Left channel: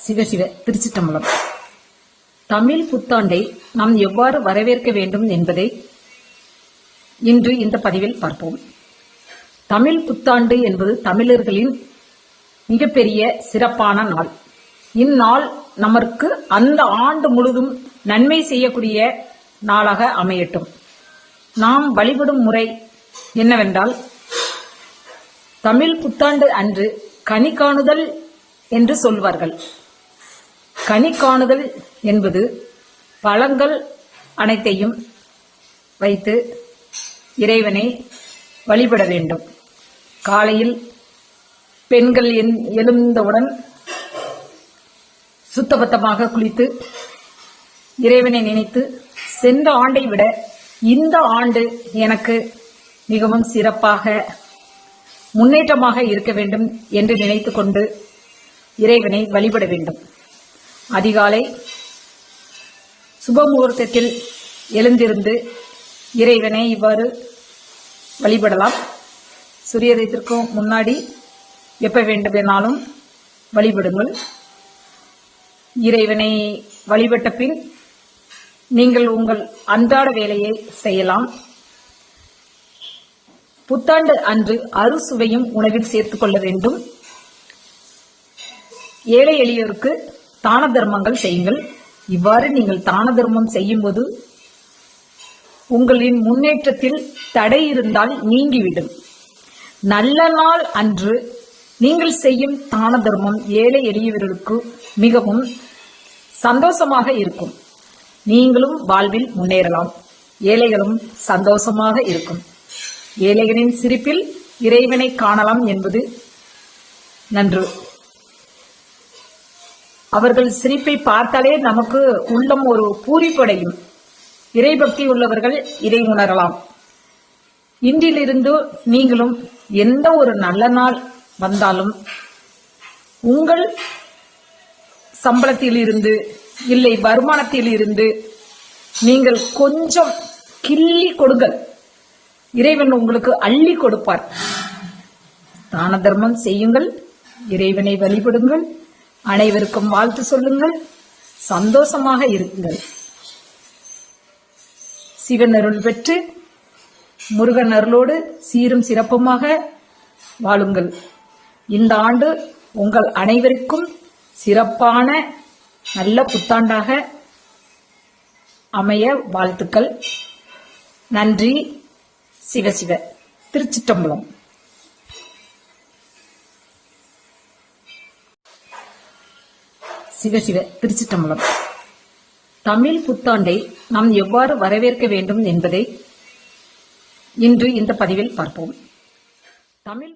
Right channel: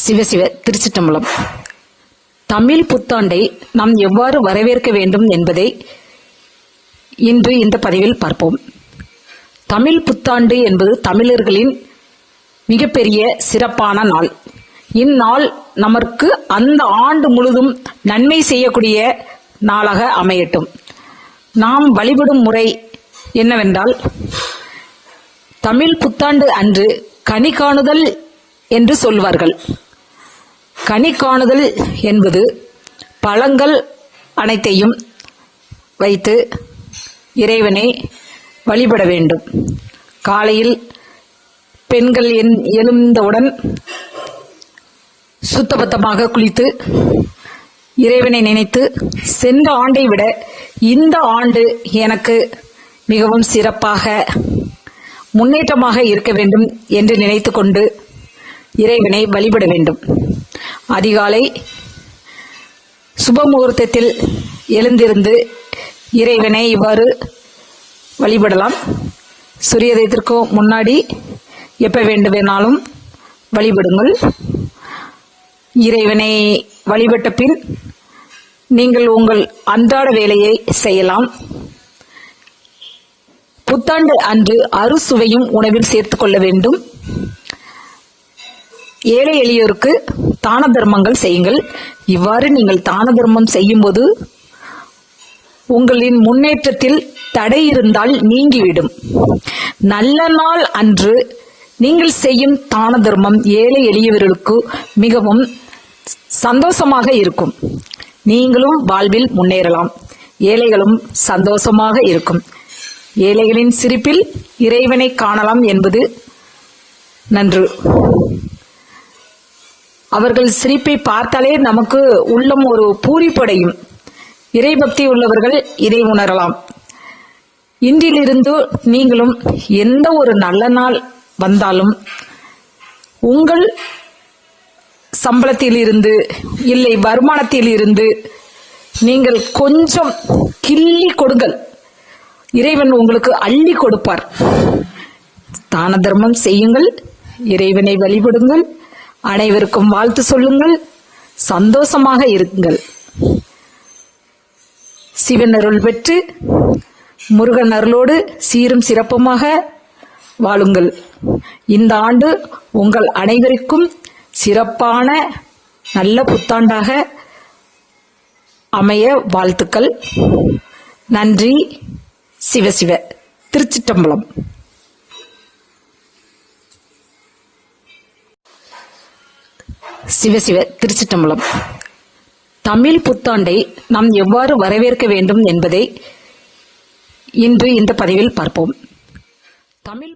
சிவசிவ திருச்சிட்டம்பலம் தமிழ் புத்தாண்டை நாம் எவ்வாறு வரவேற்க வேண்டும் என்பதை இன்று இந்த பதிவில் பார்ப்போம். தமிழ் புத்தாண்டு என்பது தமிழர்களின் மிகப்பெரிய சிறப்பான நாள். இந்நாள் நமக்கு அந்த ஆண்டு முழுதும் நன்மை செய்யக்கூடிய நாளாக அமையட்டும். நாம் வழிபடும் முறை என்னவென்றால் தமிழ் புத்தாண்டு அன்று கனி காணுதல் என்று சொல்வார்கள். கனி காணுதல் என்பது பழங்கள் அனைத்தையும் வைத்து இறைவனை வழிபட வேண்டும். காலையில் பெண்கள் என் எழுந்தவுடன் சுத்தபத்தமாக குளித்து இறைவனை நினைத்து சென்ற ஆண்டை விட இந்த ஆண்டு எனக்கு மிகவும் சிறப்பாக முன்னேற்றமாக இருக்க வேண்டும் என்று நினைத்து கொண்டு இறைவனை வழிபட வேண்டும். அதிகாலை சுபமுகூர்த்தத்தில் எழுந்திருந்து இறைவனை இவ்வாறு வழிபடலாம். சூரியதயத்திற்கும் முன்னாடி எப்போ வேண்டுமானாலும் வழிபடுங்கள். இறைவனை வழிபட்ட பின் நீங்கள் உங்கள் அன்றாட வேலையை செய்யலாம். புத்தாண்டு அன்று அறுசுவையும் உணவில் சேர்த்துக்கொள்ள வேண்டும். ஏழை எளியோருக்கு தான தர்மங்கள் செய்யுங்கள். இவ்வாறு நீங்கள் தான தர்மம் செய்யும்போது உங்களின் முன்னேற்றத்தில் தடை இருந்தால் நீங்கிவிடும். நல்ல நாள் அன்று நீங்கள் செய்யும் தான தர்மம் ஏழை எளியவர்களுக்கு மிகவும் சந்தோஷமாக இருக்கும். நீங்களும் வாழ்வில் முன்னேறலாம். ஏழைகளும் சந்தோஷமாக இருக்கும். ஏழைகளின் சிரிப்பில் இறைவனை காணலாம் என்பது நன்று. அவர்கள் சிரிப்பை பார்த்தாலே நமக்கு உள்ளம் ஒரு பூரிப்படையும். இறைபக்தி உள்ளவர்கள் இதை உணரலாம். இன்றிலிருந்து நீங்களும் எந்த ஒரு நல்ல நாள் வந்தாலும் உங்கள் சம்பளத்தில் இருந்து இல்லை வருமானத்தில் இருந்து நீங்கள் கொஞ்சம் கிள்ளி கொடுங்கள். இறைவன் உங்களுக்கு அள்ளி கொடுப்பார். தான தர்மம் செய்யுங்கள். இறைவனை வழிபடுங்கள். அனைவருக்கும் வாழ்த்து சொல்லுங்கள். சந்தோஷமாக இருங்கள். சிவன் அருள் பெற்று முருகன் அருளோடு சீரும் சிறப்புமாக வாழுங்கள். இந்த ஆண்டு உங்கள் அனைவருக்கும் சிறப்பான நல்ல புத்தாண்டாக அமைய வாழ்த்துக்கள். நன்றி. சிவசிவ திருச்சிட்டம்பலம் சிவசிவ திருச்சிட்டம்பலம் தமிழ் புத்தாண்டை நாம் எவ்வாறு வரவேற்க வேண்டும் என்பதை இன்று இந்த பதிவில் பார்ப்போம். தமிழ்